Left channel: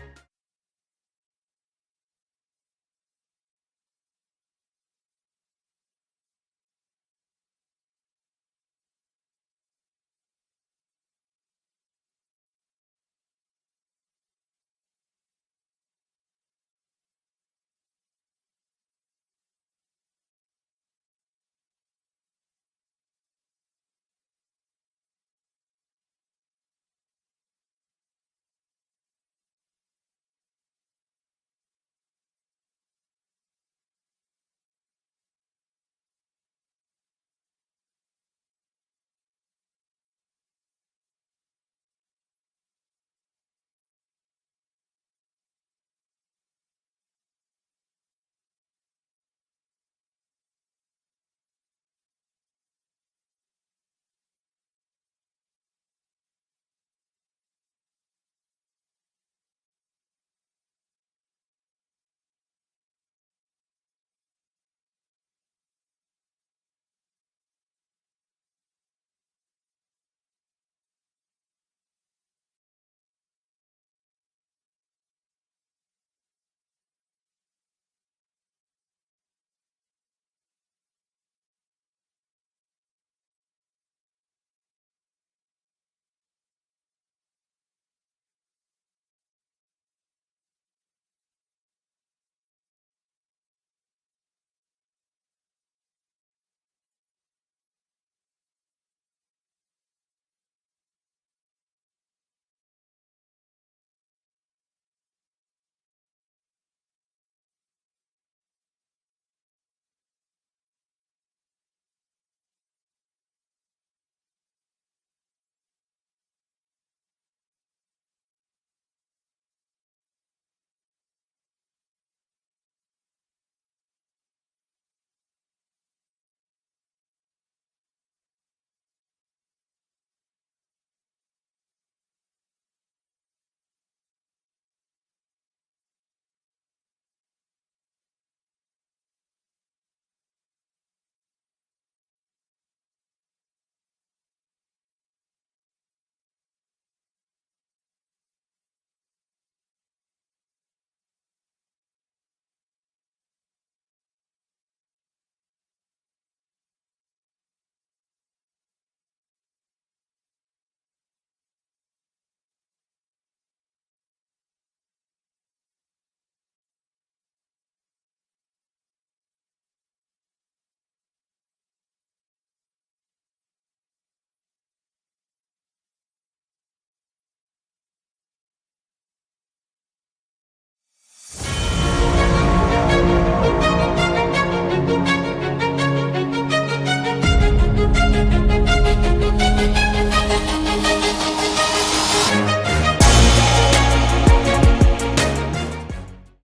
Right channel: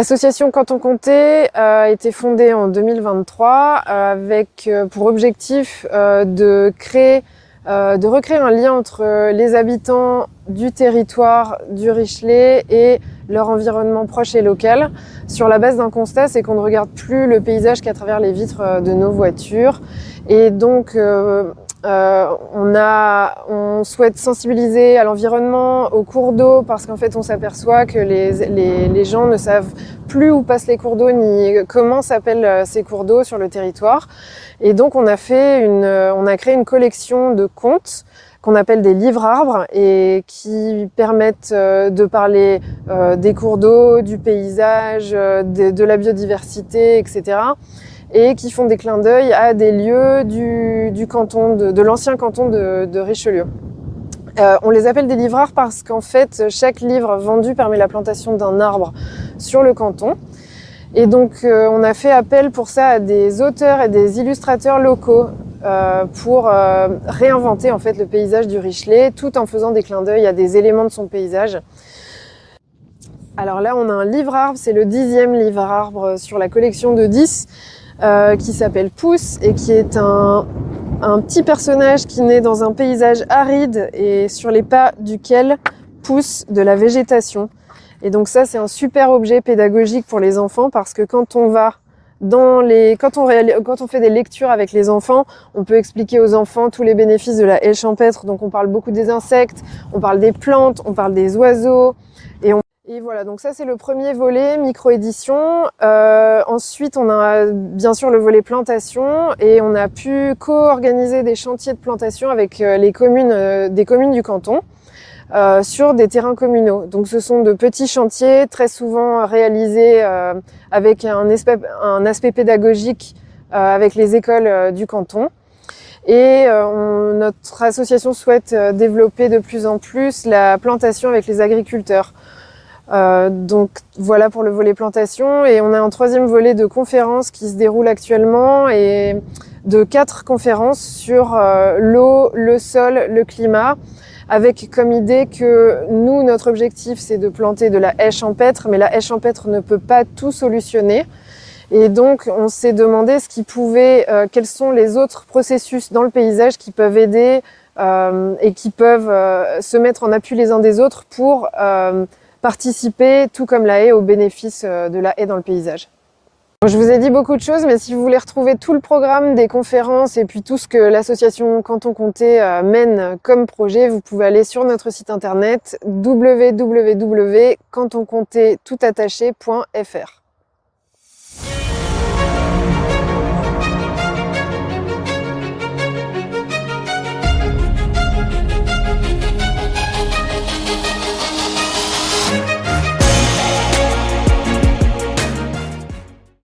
L'association Canton Comté a été fondée en 2023 avec pour objectif de recréer un lien entre les habitants du territoire du Richelet et leur environnement proche et local. Sur la base d'un constat, c'est qu'on ne regarde plus le paysage qu'à travers les vitres de nos voitures. Et donc, on souhaite sensibiliser à l'environnement, aux cours d'eau, parce qu'en fait, on s'aperçoit que les gens ne savent plus où passent les cours d'eau ni comment s'appellent ces cours d'eau sur le territoire. Et donc, on a créé une collection de contes qu'on appelle des livres-arbres et qui permettent de parler des cours d'eau, du paysage, de la biodiversité, etc. et qui font des clins d'œil à des lieux du canton, de l'ancien canton de Richelieu. On les appelle des livres-arbres parce qu'en fait, chaque livre vendu permet la plantation d'un arbre sur le canton. Et donc, on a fait appel pour ça à des auteurs et des illustrateurs locaux pour réinventer en fait le paysage du Richelet, tout en faisant des clins d'œil à des éléments de son paysage. Alors là, on a un livre-arbre, c'est le 10e livre-arbre sur la collection de 10, qui s'appelle Pousse et qui est un petit personnage qui naît dans un paysage aride et sur les pas duquel pousse de la végétation. Et donc ça, c'est un super objet pédagogique pour les enfants parce que quand on fait des lectures avec les enfants, on peut expliquer aux enfants tous les bénéfices de la haie champêtre. Donc on parle beaucoup des insectes, on parle des plantes, on parle des oiseaux. Et voilà, donc ça c'est le premier volet, micro-édition. Ensuite, on a bien sûr le volet plantation et on a pu co-organiser des chantiers de plantation avec des communes du canton. Sur des terrains communaux. Donc ce sont de petits chantiers très souvent réalisés avec un aspect pédagogique avec les écoles du canton. Et notre association souhaite développer de plus en plus la plantation avec les agriculteurs. Donc voilà pour le volet plantation. Et on a un troisième volet de conférences qui se déroule actuellement et de 4 conférences sur l'eau, le sol, le climat, avec comme idée que nous, notre objectif, c'est de planter de la haie champêtre, mais la haie champêtre ne peut pas tout solutionner. Et donc, on s'est demandé quels sont les autres processus dans le paysage qui peuvent aider et qui peuvent se mettre en appui les uns des autres pour participer, tout comme la haie, aux bénéfices de la haie dans le paysage. Je vous ai dit beaucoup de choses, mais si vous voulez retrouver tout le programme des conférences et puis tout ce que l'association Canton Comté mène comme projet, vous pouvez aller sur notre site internet www.cantoncomté.fr.